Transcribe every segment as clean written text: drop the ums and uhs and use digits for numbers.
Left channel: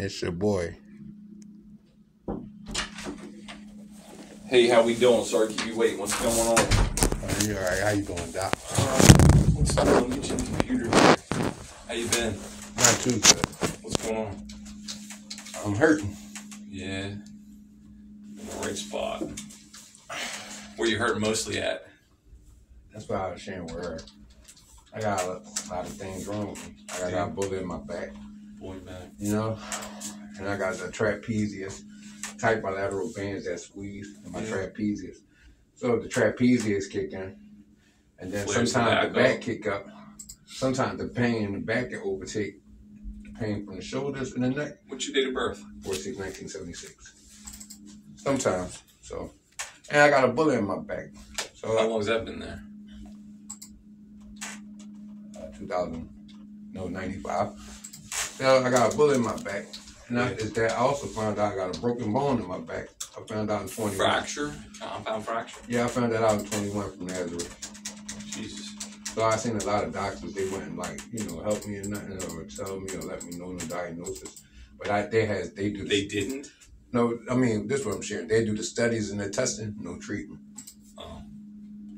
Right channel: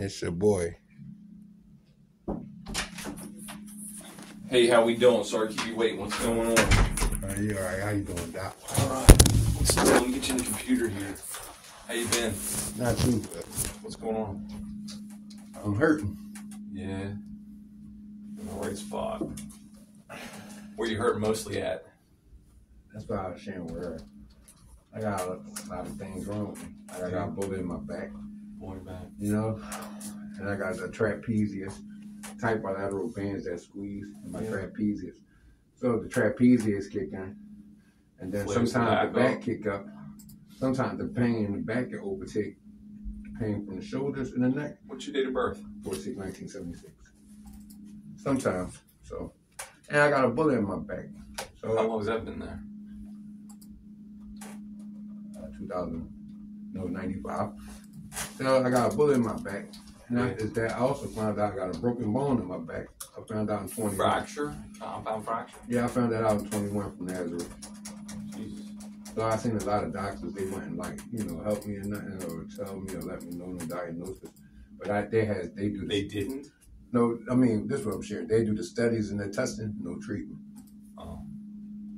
It's your boy. Hey, how we doing? Sorry to keep you waiting. What's going on? You all right? How you doing, Doc? What's going on? Get you in the computer here. How you been? Me too. What's going on? I'm hurting. Yeah. In the right spot. Where you hurting mostly at? That's why I was sharing with her. I got a lot of things wrong with me. I got a bullet in my back. Boy back. You know? And I got the trapezius, tight bilateral bands that squeeze in my trapezius. So if the trapezius kick in, and then sometimes the back kick up, sometimes the pain in the back can overtake the pain from the shoulders and the neck. What's your date of birth? 4/6/1976. Sometimes. So, and I got a bullet in my back. So How long has that been there? 95. So I got a bullet in my back. And after that, I also found out I got a broken bone in my back. I found out in 21. Fracture? Compound fracture? Yeah, I found that out in 21 from Nazareth. Jesus. So I seen a lot of doctors. They wouldn't help me or nothing, or tell me or let me know the diagnosis. But they do. They didn't? No, I mean, this is what I'm sharing. They do the studies and the testing, no treatment. Oh.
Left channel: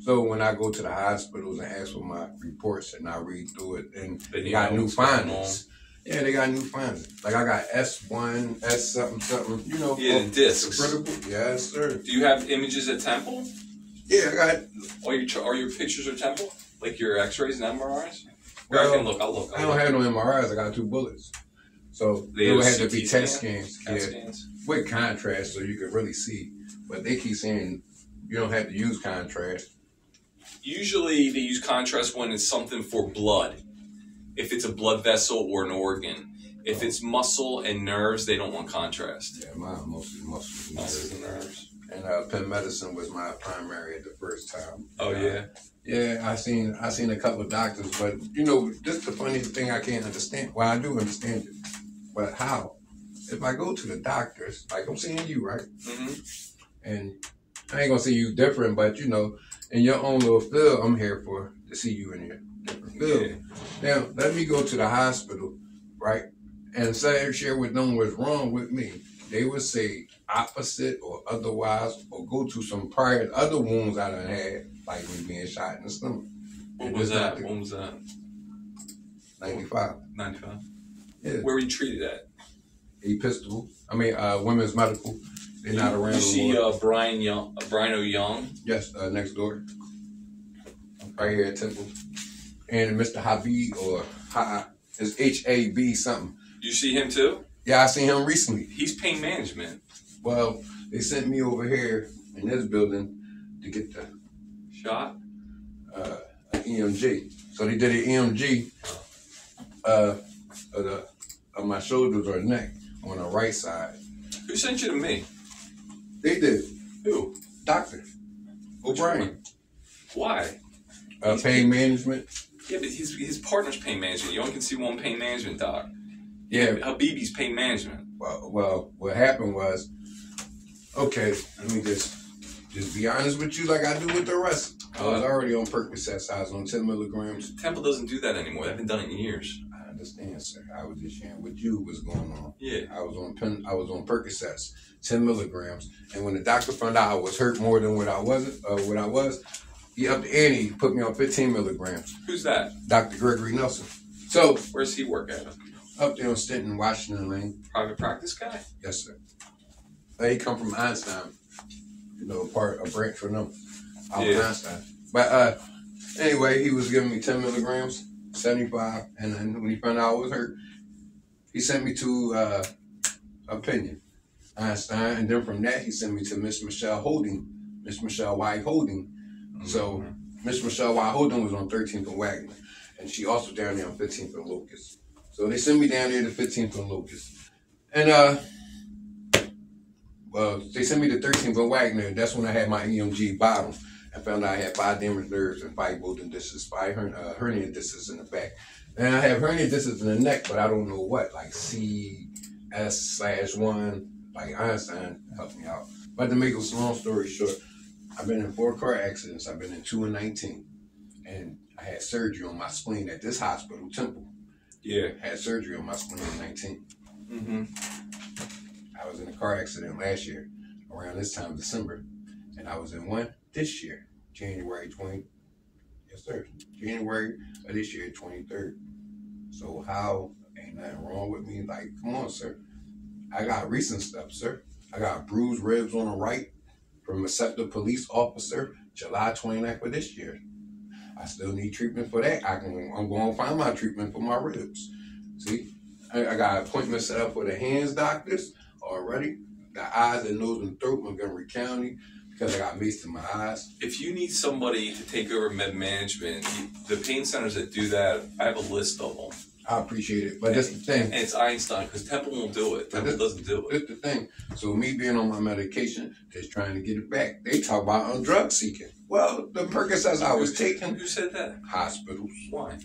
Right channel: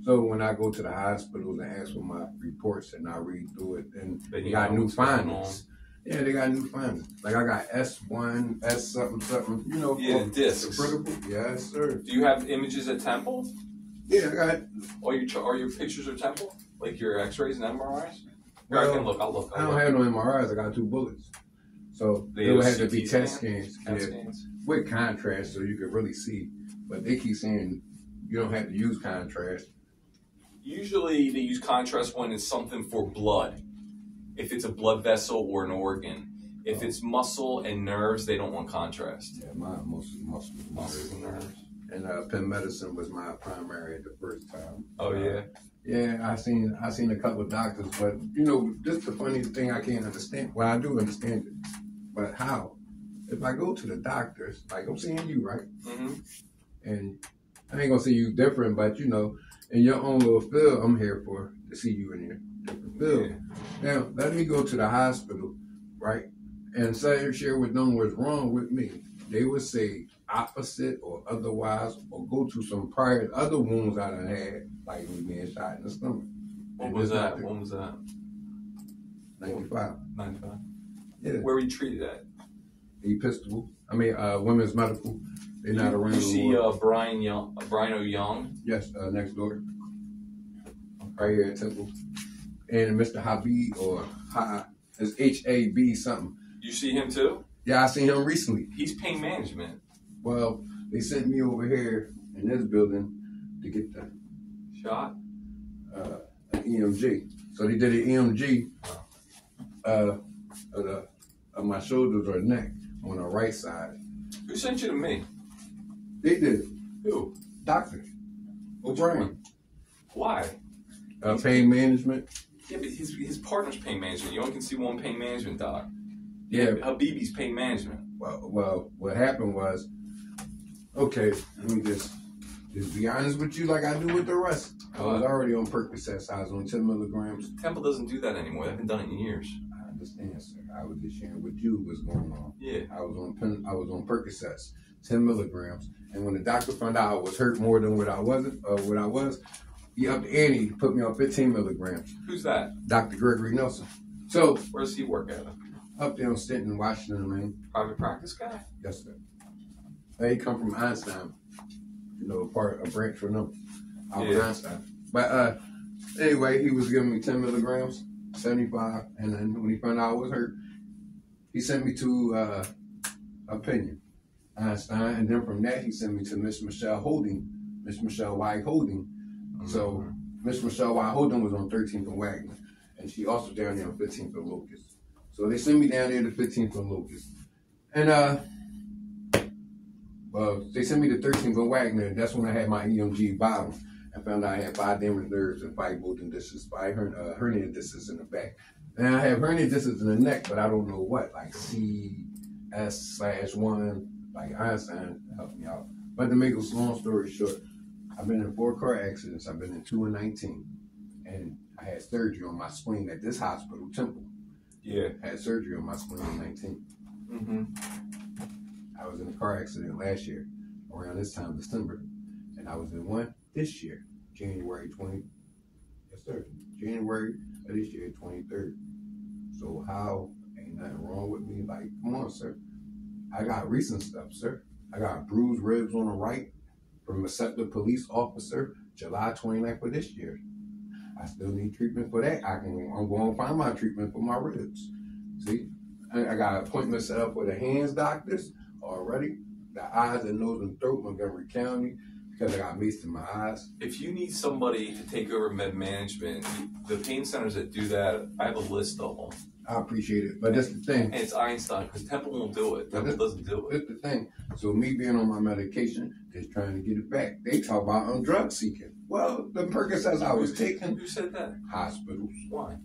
So when I go to the hospitals and ask for my reports and I read through it, and They they got new findings. Yeah, they got new findings. Like I got S1, S something, Yeah, the discs. Credible. Yes, sir. Do you have images at Temple? Yeah, I got. All your pictures are Temple? Like your X-rays and MRIs? Well, I can look. I'll look. I don't have no MRIs. I got 2 bullets. So They would have have to be CT test scans. scans? With contrast so you could really see. But they keep saying you don't have to use contrast. Usually they use contrast when it's something for blood. If it's a blood vessel or an organ. If it's muscle and nerves, they don't want contrast. Yeah, mine mostly muscles. Muscles and nerves. And Penn Medicine was my primary at the first time. Oh yeah. Yeah, I seen a couple of doctors, but this is the funniest thing I can't understand. Well, I do understand it, but how? If I go to the doctors, like I'm seeing you, right? Mm-hmm. And I ain't gonna say you different, but in your own little field, I'm here to see you in your different field. Yeah. Now, let me go to the hospital, right, and share with them what's wrong with me. They would say opposite or otherwise, or go to some prior other wounds I done had, like me being shot in the stomach. When was that? 95. 95. Yeah. Where were you treated at? Women's Medical. They're not around You see no more. Brian O'Young? Yes, next door. Right here at Temple. And Mr. Habib, or it's H-A-B something. You see him too? Yeah, I seen him recently. He's pain management. Well, they sent me over here in this building to get the Shot? an EMG. So they did an EMG of my shoulders or neck on the right side. Who sent you to me? They did. Who? Doctor O'Brien. Why? Pain management. Yeah, but his partner's pain management. You only can see one pain management doc. Yeah. Habibi's pain management. Well, what happened was, okay, let me just be honest with you like I do with the rest. I was already on Percocets. I was on 10 milligrams. Temple doesn't do that anymore. They haven't done it in years. I understand, sir. I was just sharing with you what's going on. Yeah. I was on Percocets, 10 milligrams. And when the doctor found out I was hurt more than what I was, he upped the ante. He put me on 15 milligrams. Who's that? Dr. Gregory Nelson. So, where's he work at? Up there on Stenton, Washington Lane. Private practice guy? Yes, sir. He come from Einstein. A branch from them. Out of Einstein. But anyway, he was giving me 10 milligrams, 75. And then when he found out I was hurt, he sent me to Opinion, Einstein. And then from that, he sent me to Miss Michelle White Holding. Mm-hmm. So Miss Michelle White Holding was on 13th and Wagner. And she also down there on 15th and Locust. So they sent me down there to 15th and Locust. And they sent me to 13th and Wagner. That's when I had my EMG bottom. I found out I had 5 damaged nerves and 5 golden discs, 5 hernia discs in the back. And I have hernia discs in the neck, but I don't know what, like CS/1, like Einstein helped me out. But to make a long story short, I've been in 4 car accidents. I've been in 2 in 19. And I had surgery on my spleen at this hospital, Temple. Yeah. Had surgery on my spleen in 19. Mm-hmm. car accident last year around this time, December, and I was in one this year, January 20. Yes, sir. January of this year, 23rd. So how ain't nothing wrong with me? Like, come on, sir. I got recent stuff, sir. I got bruised ribs on the right from a Scepter police officer, July 29th of this year. I still need treatment for that. I'm going to find my treatment for my ribs. See, I got appointments set up for the hands doctors already. The eyes and nose and throat, Montgomery County, because I got maced in my eyes. If you need somebody to take over med management, the pain centers that do that, I have a list of them. I appreciate it, but that's the thing. And it's Einstein, because Temple won't do it. Temple doesn't do it. That's the thing. So me being on my medication, just trying to get it back. They talk about I'm drug seeking. Well, the Percocets I was taking. Who said that? Hospitals. Why?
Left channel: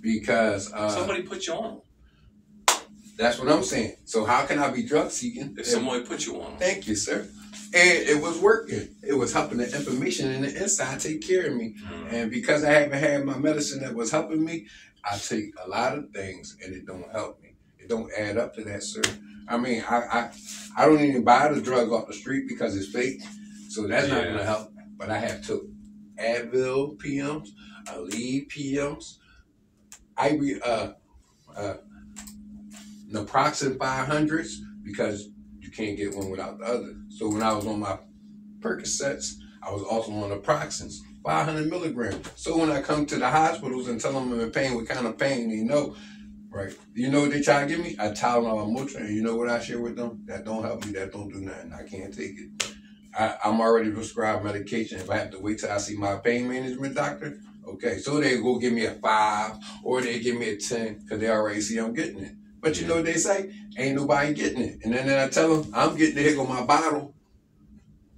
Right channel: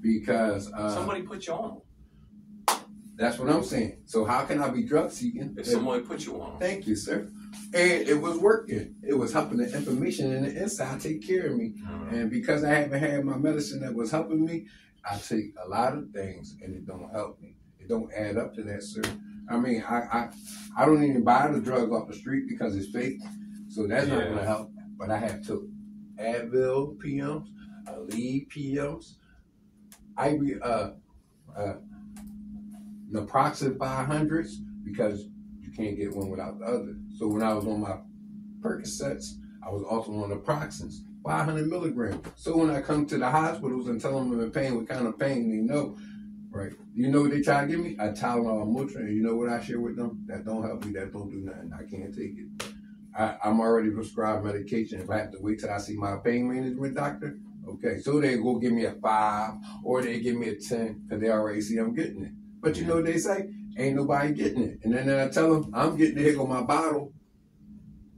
Because somebody put you on them. That's what I'm saying. So how can I be drug seeking if somebody put you on them? Thank you, sir. And it was working. It was helping the inflammation in the inside take care of me. And because I haven't had my medicine that was helping me, I take a lot of things and it don't help me. It don't add up to that, sir. I mean, I don't even buy the drug off the street because it's fake. So that's not gonna help. But I have took Advil PMs, Aleve PMs, Naproxen 500s, because you can't get one without the other. So when I was on my Percocets, I was also on Naproxens, 500 milligrams. So when I come to the hospitals and tell them I'm in pain, what kind of pain, they know, right? You know what they try to give me? A Tylenol and Motrin, and you know what I share with them? That don't help me, that don't do nothing. I can't take it. I'm already prescribed medication. If I have to wait till I see my pain management doctor, okay. So they go give me a 5 or they give me a 10 because they already see I'm getting it. But you know what they say? Ain't nobody getting it. And then I tell them I'm getting the heck on my bottle,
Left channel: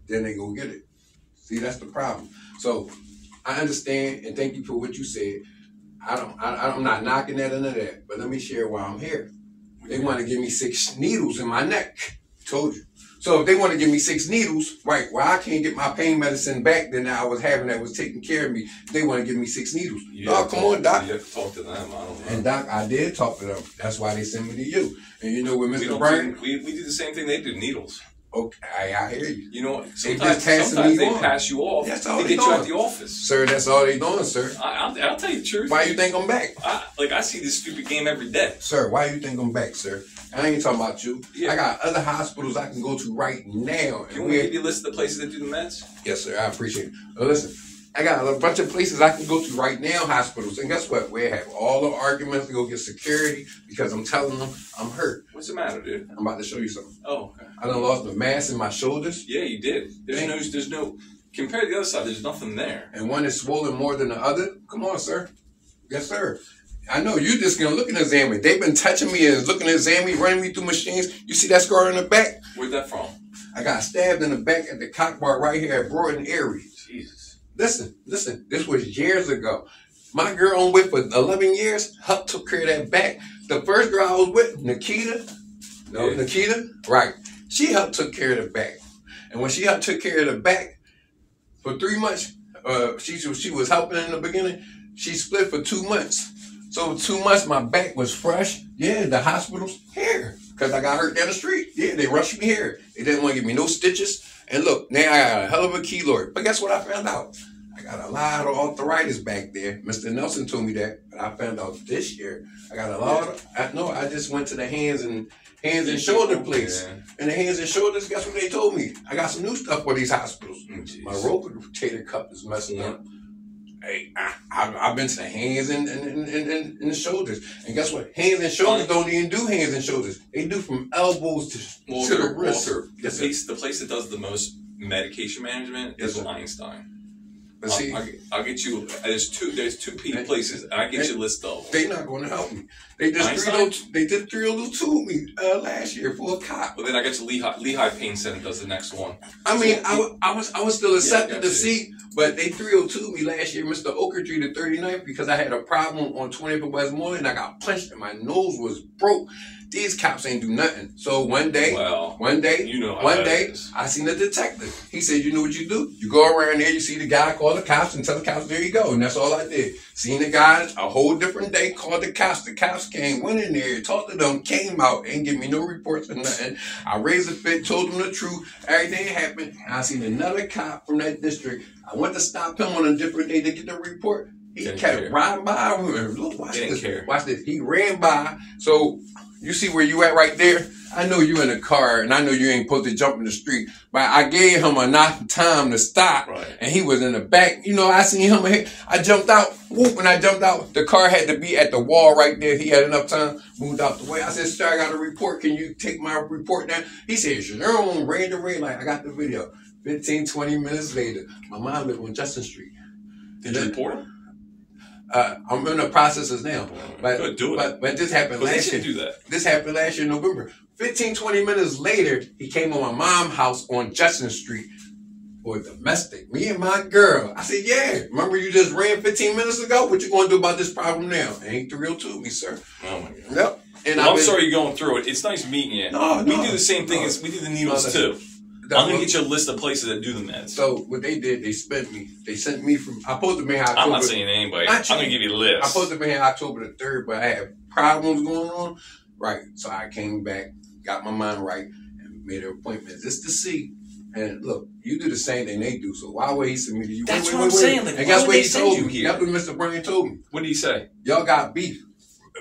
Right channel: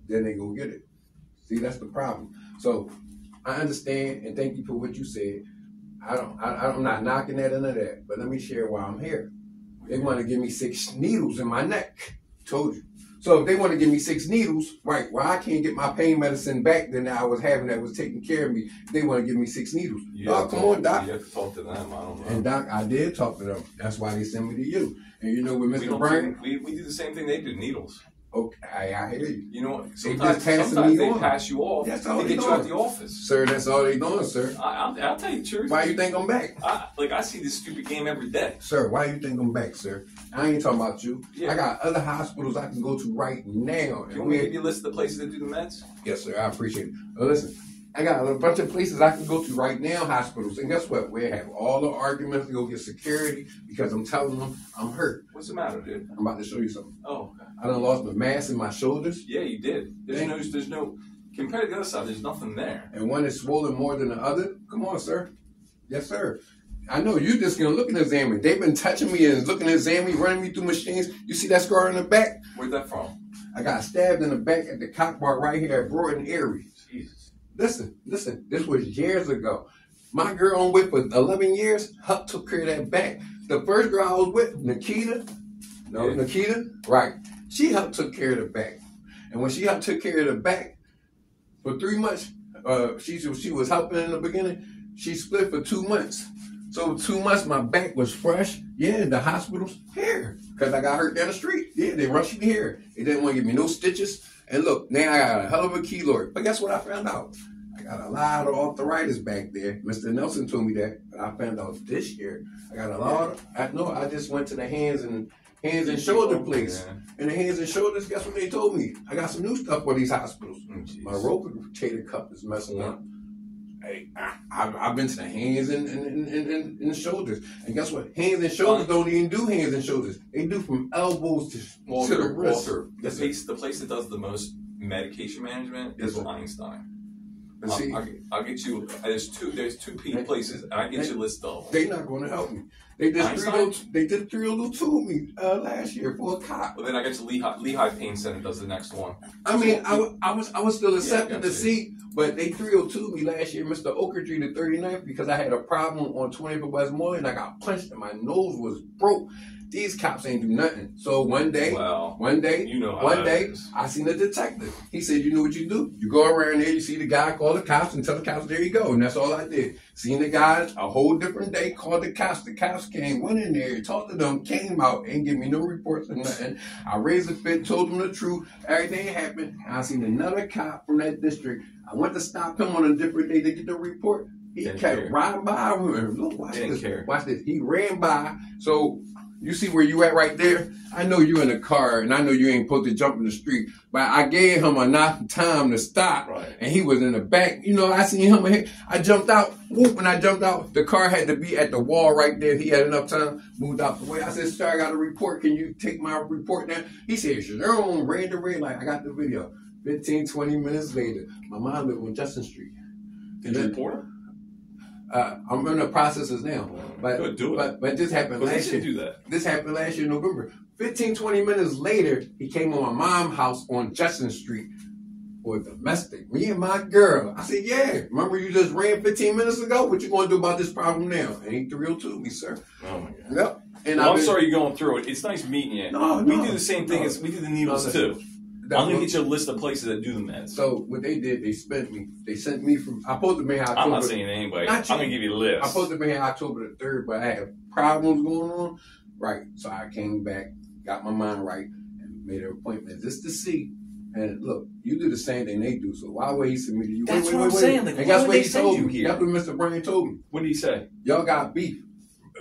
then they go get it. See, that's the problem. So I understand and thank you for what you said. I'm not knocking at none of that, but let me share why I'm here. They want to give me 6 needles in my neck. Told you. So if they want to give me 6 needles, right, well, I can't get my pain medicine back then that I was having that was taking care of me. They want to give me 6 needles. Oh, come on, Doc. You have to talk to them. I don't know. And Doc, I did talk to them. That's why they sent me to you. And you know what, Mr. Bryan? We do the same thing they do, needles. Okay, I hear you. You know what? Sometimes they pass you off to get you out the office. Sir, that's all they doing, sir. I'll tell you the truth. Why you think I'm back? I see this stupid game every day. Sir, why you think I'm back, sir? I ain't talking about you. Yeah. I got other hospitals I can go to right now. You want me to give you a list of the places that do the meds? Yes, sir. I appreciate it. Listen, I got a bunch of places I can go to right now, hospitals. And guess what? We have all the arguments to go get security because I'm telling them I'm hurt. What's the matter, dude? I'm about to show you something. Oh, okay. I done lost the mass in my shoulders. Yeah, you did. There's no, compared to the other side, there's nothing there. And one is swollen more than the other. Come on, sir. Yes, sir. I know you just gonna look and examine. They've been touching me and looking at examine me, running me through machines. You see that scar in the back? Where'd that from? I got stabbed in the back at the cock bar right here at Broad and Erie. Jesus. Listen. This was years ago. My girl I'm with for 11 years, Huck took care of that back. The first girl I was with, Nikita, right. Huck took care of the back. And when Huck took care of the back, for 3 months, she was helping in the beginning. She split for 2 months. So 2 months, my back was fresh. Yeah, the hospital's here. Because I got hurt down the street. Yeah, they rushed me here. They didn't want to give me no stitches. And look, now I got a hell of a keloid. But guess what I found out? I got a lot of arthritis back there. Mr. Nelson told me that. But I found out this year, I got a lot of, I just went to the hands and shoulder place. And the hands and shoulders, guess what they told me? I got some new stuff for these hospitals. My rotator cuff is messed up. Hey, I've been to the hands and the shoulders. And guess what? Hands and shoulders don't even do hands and shoulders. They do from elbows to the wrist. The place that does the most medication management is Einstein. But see, I'll get you. There's two places, and I get you a list of. They're not going to help me. They did 302 with me last year for a cop. Well, then I get you Lehigh Pain Center does the next one. I mean, I was still accepted to see, but they 302 me last year, Mr. Okertree, the 39th, because I had a problem on 20th of Westmoreland. I got punched and my nose was broke. These cops ain't do nothing. So one day, you know one day, I seen a detective. He said, you know what you do? You go around there, you see the guy, call the cops, and tell the cops, there you go. And that's all I did. Seen the guy a whole different day, called the cops. The cops came, went in there, talked to them, came out, ain't give me no reports or nothing. I raised a fit, told them the truth, everything happened. And I seen another cop from that district. I went to stop him on a different day to get the report. He kept riding by. Look, watch this. Watch this. He ran by. So you see where you at right there? I know you in a car, and I know you ain't supposed to jump in the street, but I gave him enough time to stop, and he was in the back. You know, I seen him. I jumped out. Whoop, when I jumped out, the car had to be at the wall right there. He had enough time, moved out the way. I said, sir, I got a report. Can you take my report down? He said, sure, ran the red light. I got the video. 15, 20 minutes later, my mom lived on Justin Street. Did you report him? I'm in the processes now. Good, do it. But this happened last year. Do that. This happened last year in November. 15, 20 minutes later, he came on my mom's house on Justin Street for domestic. Me and my girl. I said, yeah. Remember you just ran 15 minutes ago? What you going to do about this problem now? Ain't the real to me, sir. Oh, my God. Yep. And I'm sorry you're going through it. It's nice meeting you. No, we do the same thing. We do the needles, too. I'm going to get you a list of places that do the meds. So what they did, they sent me from, I supposed to be here October. I'm not saying anybody. I'm going to give you a list. I supposed to be here October the 3rd, but I had problems going on. Right. So I came back, got my mind right, and made an appointment just to see. And look, you do the same thing they do. So why would he send me to you? That's what I'm saying. Like, and guess what he told me? That's what Mr. Bryan told me. What did he say? Y'all got beef.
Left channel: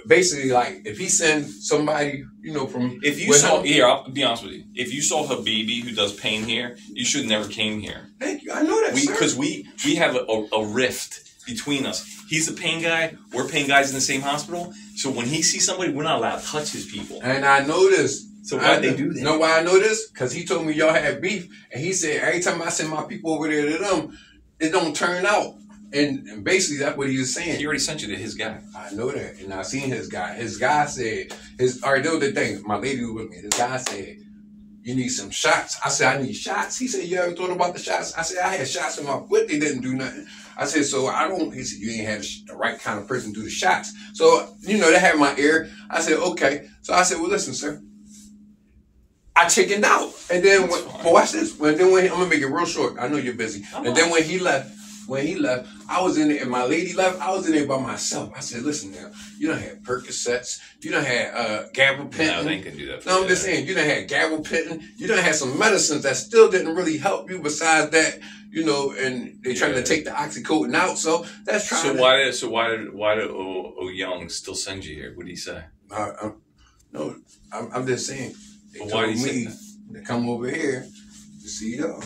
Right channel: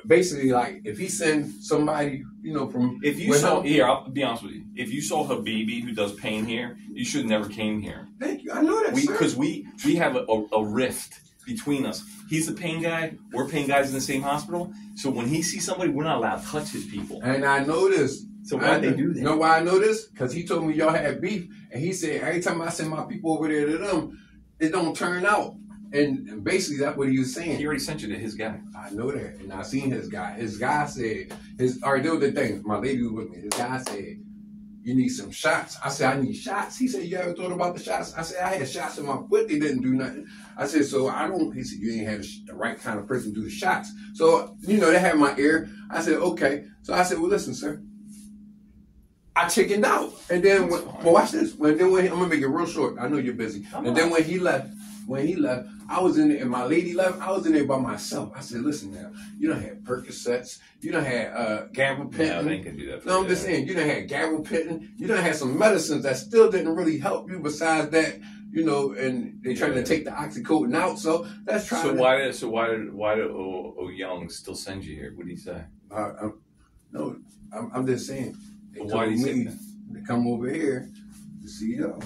Basically, like, if he send somebody, you know, from... If you saw... Here, I'll be honest with you. If you saw Habibi, who does pain here, you should never came here. Thank you. I know that, Because we have a rift between us. He's the pain guy. We're pain guys in the same hospital. So when he sees somebody, we're not allowed to touch his people. And I know this. So why'd they do that? You know why I know this? Because he told me y'all had beef. And he said, every time I send my people over there to them, it don't turn out. And basically, that's what he was saying. He already sent you to his guy. I know that. And I seen his guy. His guy said, all right, that was the thing. My lady was with me. His guy said, you need some shots. I said, I need shots. He said, you ever thought about the shots? I said, I had shots in my foot. They didn't do nothing. I said, so I don't. He said, you ain't had the right kind of person do the shots. So, you know, they had my ear. I said, okay. So I said, well, listen, sir. I chickened out. And then, watch this. I'm going to make it real short. I know you're busy. And then when he left, I was in there, and my lady left, I was in there by myself. I said, listen now, you done had Percocets, you done had gabapentin. No, they ain't gonna do that for I'm just saying, you done had gabapentin, you done had some medicines that still didn't really help you besides that, you know, and they trying to take the oxycodone out, so that's trying why did O Young still send you here? What did he say? I'm just saying, they told me to come over here to see y'all.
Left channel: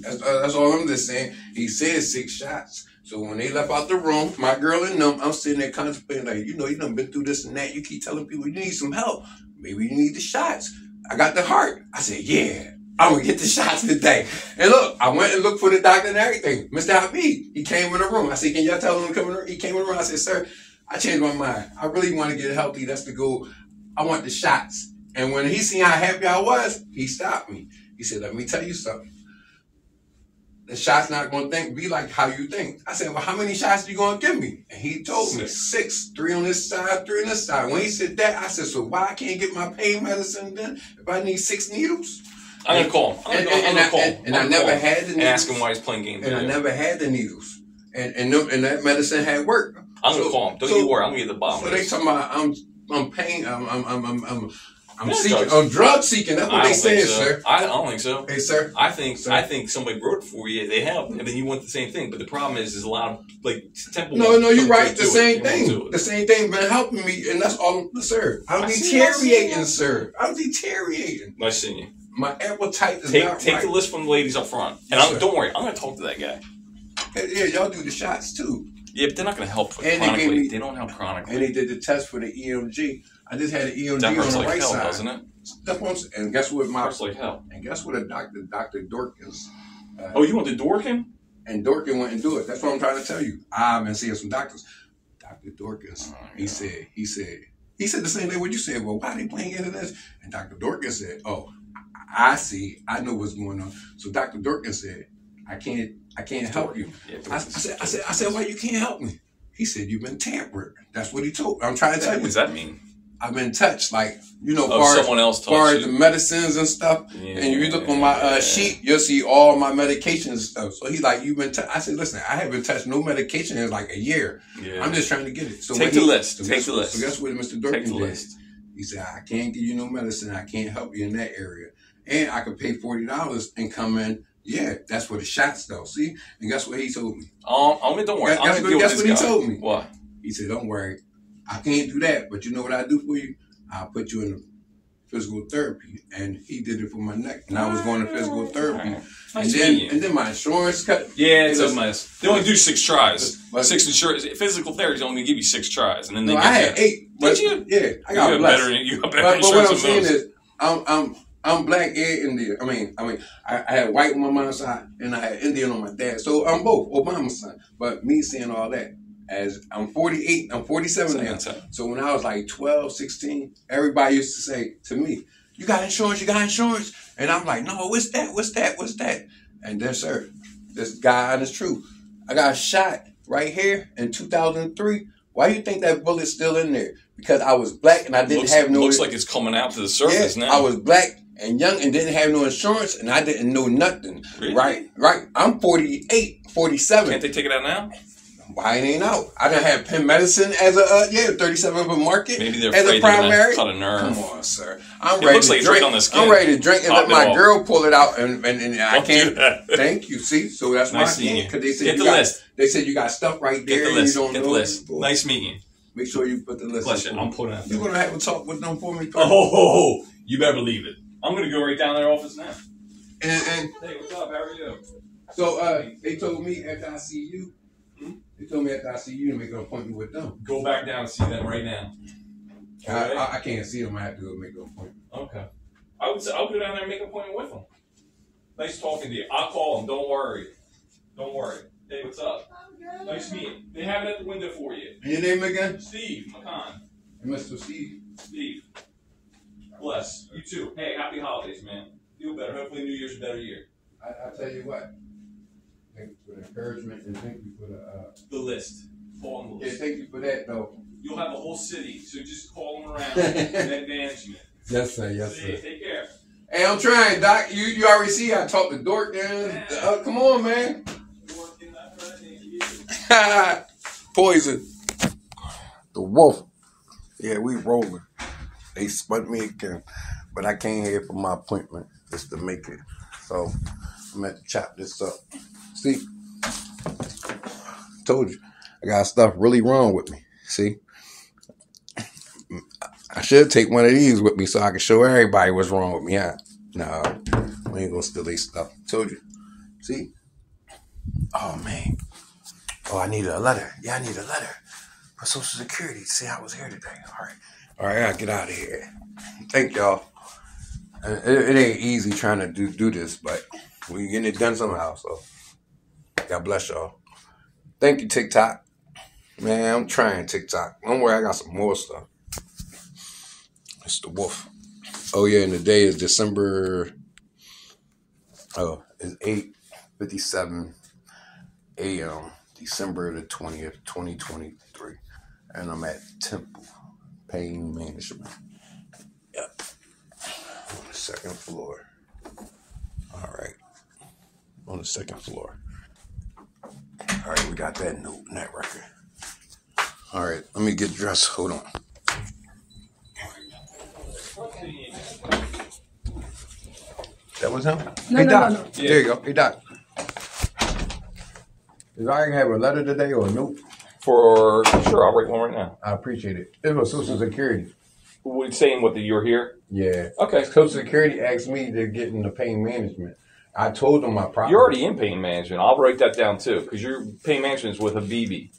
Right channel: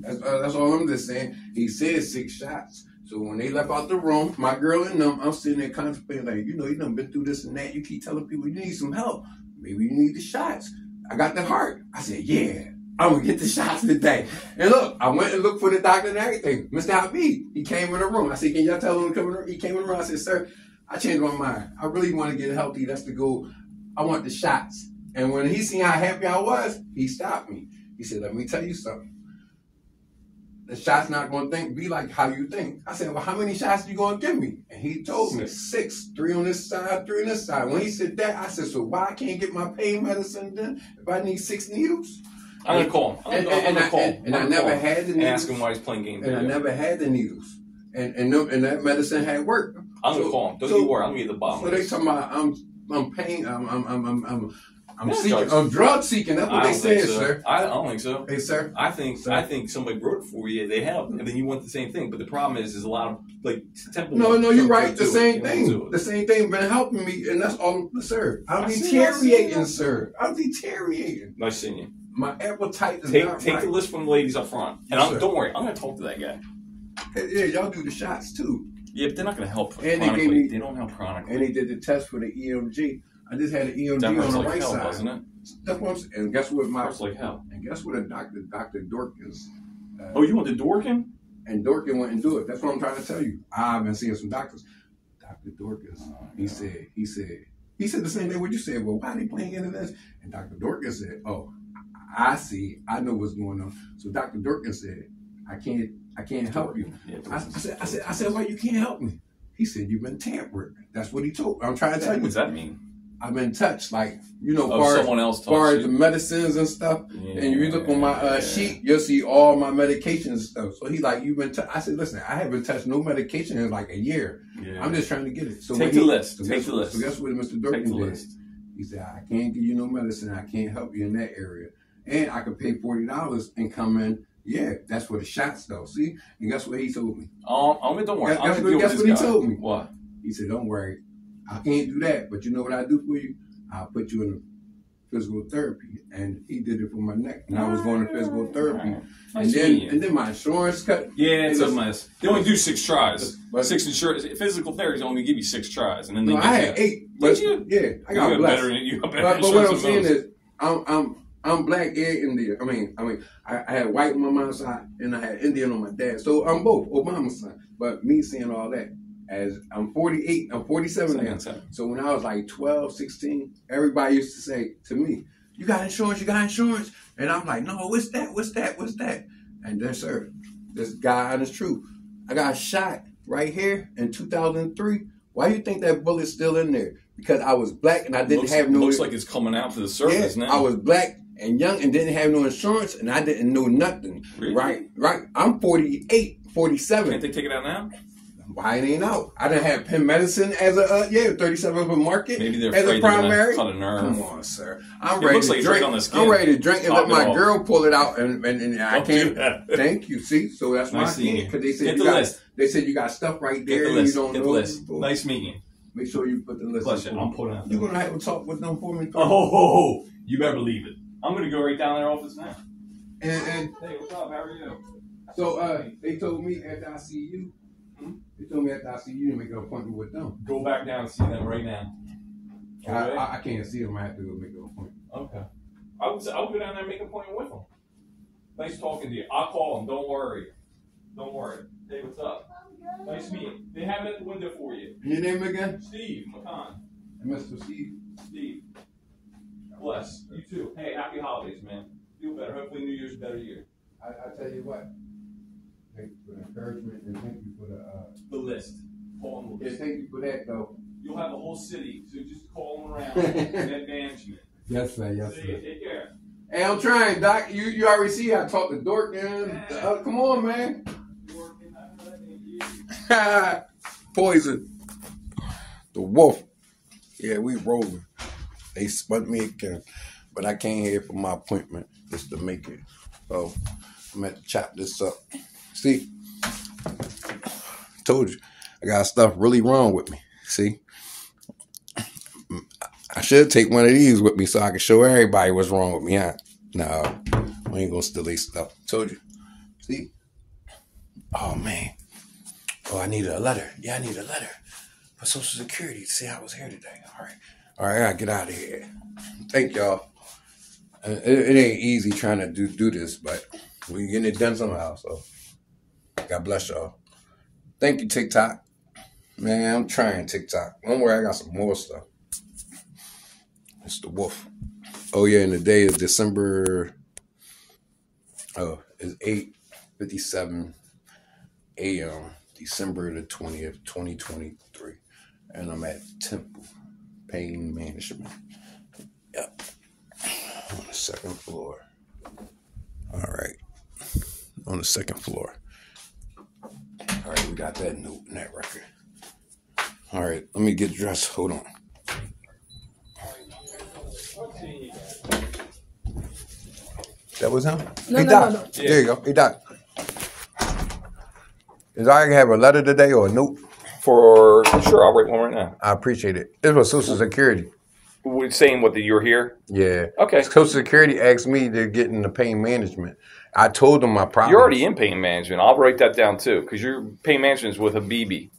That's all I'm just saying. He said 6 shots. So when they left out the room, my girl and them, I'm sitting there contemplating, like, you know, you done been through this and that. You keep telling people you need some help. Maybe you need the shots. I got the heart. I said, yeah, I'm going to get the shots today. And look, I went and looked for the doctor and everything. Mr. Habib, he came in the room. I said, can y'all tell him to come in the room? He came in the room. I said, sir, I changed my mind. I really want to get healthy. That's the goal. I want the shots. And when he seen how happy I was, he stopped me. He said, let me tell you something. The shot's not going to be like how you think. I said, well, how many shots are you going to give me? And he told me 6, 3 on this side, 3 on this side. When he said that, I said, so why I can't get my pain medicine then if I need 6 needles? I'm going to call him. And I never had the needles. And ask him why he's playing games. And I never had the needles. And that medicine had worked. I'm going to call him. Don't you worry. I'm going to get the bottom. So they talking about I'm pain, I'm drug seeking. That's what they saying, sir. I don't think so. Hey, sir. I think somebody wrote it for you. They helped, and then you want the same thing. But the problem is a lot of like temple. No, you're right. The same thing. The same thing been helping me, and that's all, sir. I'm deteriorating, sir. I'm deteriorating. Nice seeing you. My appetite is not Take the list from the ladies up front, and don't worry. I'm going to talk to that guy. Yeah, y'all do the shots too. Yeah, but they're not going to help chronically. They don't help chronically. And they did the test for the EMG. I just had an EMG that hurts on the like right hell, side. Doesn't it? That's what I'm saying. And guess what? Hurts like hell. And guess what? Dr. Dorkins. Oh, you went to Dorkin? And Dorkin went and do it. That's what I'm trying to tell you. I've been seeing some doctors. Dr. Dorkins. He said the same thing what you said. Well, why are they playing into this? And Dr. Dorkins said, oh, I see. I know what's going on. So Dr. Dorkins said, I can't help you. Yeah, I said, why you can't help me? He said, you've been tampered. That's what he told. I'm trying to tell you. What does that mean? I've been touched, like, you know, someone else far touched as the you. medicines and stuff. Yeah. And if you look on my sheet, you'll see all my medications and stuff. So he's like, you've been touched. I said, listen, I haven't touched no medication in like a year. Yeah. I'm just trying to get it. So take the list. Take the list. So guess what Mr. Durkin did? He said, I can't give you no medicine. I can't help you in that area. And I could pay $40 and come in. Yeah, that's for the shots, though. See? And guess what he told me? Don't worry. Guess what he told me? What? He said, don't worry. I can't do that. But you know what I do for you? I'll put you in physical therapy. And he did it for my neck. And I was going to physical therapy. Nice and then my insurance cut. Yeah, it's a mess. They only do 6 tries. 6 insurance. Physical therapy is only going to give you 6 tries. And then they I had 8. Did you? Yeah, I got better. You got better insurance but what I'm than saying is, I'm black and Indian. I mean, I had white on my mom's side and I had Indian on my dad. So I'm both Obama's son. But me seeing all that, as I'm 48, I'm 47 now. So when I was like 12, 16, everybody used to say to me, you got insurance, you got insurance. And I'm like, no, what's that? And then, sir, this guy is true. I got shot right here in 2003. Why do you think that bullet's still in there? Because I was black and I didn't have no... Looks like it's coming out to the surface now. I was black and young and didn't have no insurance and I didn't know nothing. Really? Right. I'm 48, 47. Can't they take it out now? Why it ain't out? I done had Penn Medicine as a 37 for market. Maybe they're as afraid a primary. They're gonna cut a nerve. Come on, sir. It looks like it's right on the skin. I'm ready to drink and let my girl pull it out, and I can't. Do that. Thank you. See, so that's why I can't. Because they said Get the list. They said you got stuff right there. Get the list. You don't Get the know list. Nice meeting you. Make sure you put the list. Bless you. I'm putting it. You're gonna have to talk with them for me. Oh, you better believe it. I'm gonna go right down their office now. And hey, what's up? How are you? So they told me after I see you. They told me after I see you to make an appointment with them. Go back down and see them right now. I can't see them. I have to go make an appointment. Okay. I'll go down there and make an appointment with them. Nice talking to you. I'll call them. Don't worry. Hey, what's up? Nice meeting. They have it at the window for you. And your name again? Steve McCon. And Mr. Steve. Steve. Bless. You too. Hey, happy holidays, man. Feel better. Hopefully New Year's a better year. I tell you what. Thank you for the encouragement and thank you for the list. Call them the list. Yeah, thank you for that though. You'll have a whole city, so just call them around and management. Yes, sir. Yes, sir. Take care. Hey, I'm trying, Doc. You already see I talked to Dork and come on, man. Poison. The wolf. Yeah, we rolling. They spun me again, but I came here for my appointment just to make it. So I'm going to chop this up. See, told you, I got stuff really wrong with me. See, I should take one of these with me so I can show everybody what's wrong with me. Yeah, no, we ain't gonna steal these stuff. Told you. See, oh man, oh I need a letter. Yeah, I need a letter for Social Security. See, I was here today. All right, I gotta get out of here. Thank y'all. It ain't easy trying to do this, but we getting it done somehow. So. God bless y'all. Thank you, TikTok. Man, I'm trying TikTok. Don't worry, I got some more stuff. It's the wolf. Oh, yeah, and the day is December. Oh, it's 8:57 a.m. December the 20th, 2023. And I'm at Temple Pain Management. Yep. On the 2nd floor. All right. On the 2nd floor. All right, we got that note in that record. All right, let me get dressed. Hold on. That was him? No, hey, no, Doc. no. Yeah. There you go. Hey, Doc. Is I have a letter today or a note? Sure, I'll write one right now. I appreciate it. This was Social Security. We're saying what, that you're here? Yeah. Okay. Social Security asked me to get into pain management. I told them my problem. You're already in pain management. I'll write that down too, because your pain management is with Habibi.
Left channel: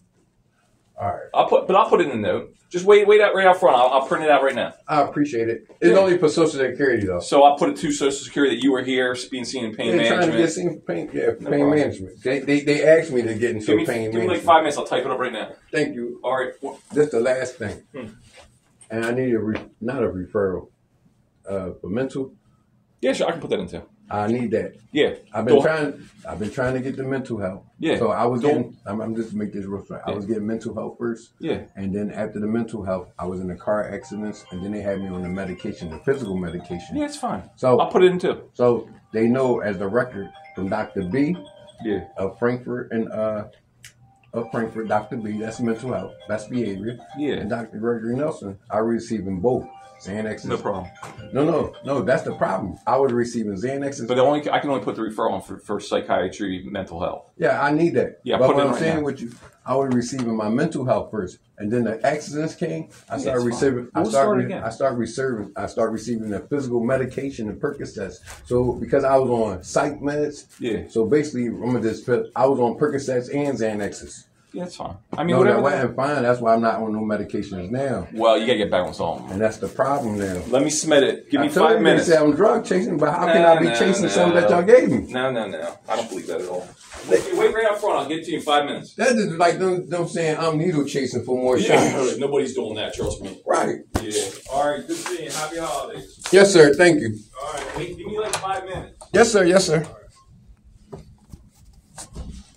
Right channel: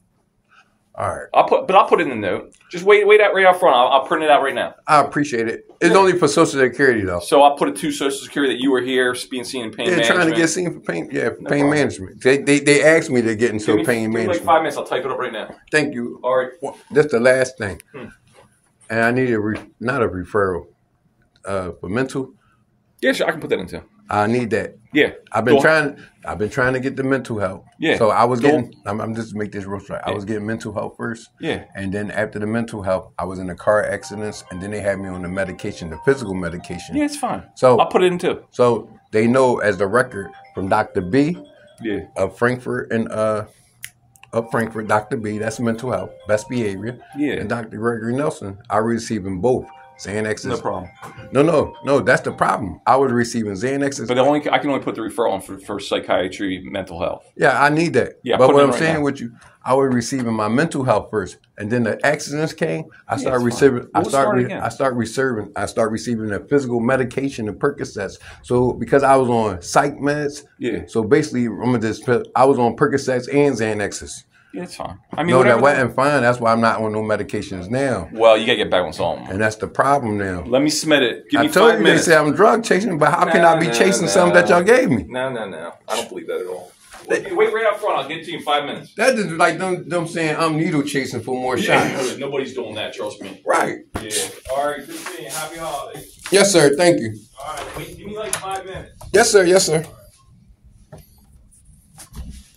All right. I'll put it in the note. Just wait out right out front. I'll print it out right now. I appreciate it. It's only for Social Security though. So I'll put it to Social Security that you were here being seen in pain management. Trying to get seen for pain. Yeah, for pain management. They asked me to get into pain management. Give me like 5 minutes. I'll type it up right now. Thank you. All right. That's the last thing. And I need not a referral for mental. Yeah, sure. I can put that in too. I need that. Yeah. I've been trying to get the mental help. Yeah. So I was getting. I'm just to make this real straight. I was getting mental help first. Yeah. And then after the mental help, I was in a car accidents, and then they had me on the medication, the physical medication. Yeah, it's fine. So I'll put it in too. So they know as the record from Dr. B. Yeah. Of Frankfurt and Dr. B. That's mental health, best behavior. Yeah. And Dr. Gregory Nelson, I was receiving both. Xanaxes. No problem. No, that's the problem. I was receiving Xanaxes. But I can only put the referral on for psychiatry, mental health. Yeah, I need that. Yeah, but what I'm right saying now. with you, I was receiving my mental health first, and then the accidents came. I started it's receiving. fine. I start receiving the physical medication and Percocets. So because I was on psych meds. Yeah. So basically, I was on Percocets and Xanaxes. Yeah, it's fine. I mean, No, that whatever. wasn't fine. That's why I'm not on no medications now, Well, you gotta get back on some. and that's the problem now. Let me submit it. Give I me told 5 you minutes. they say I'm drug chasing, but how can I be chasing something that y'all gave me? No. I don't believe that at all. Wait right up front. I'll get to you in 5 minutes. That is like them saying I'm needle chasing for more shots. Nobody's doing that. Trust me. Right. Yeah. All right. Good seeing you. Happy holidays. Yes, sir. Thank you. All right. Wait. Give me like 5 minutes. Yes, sir. Yes, sir.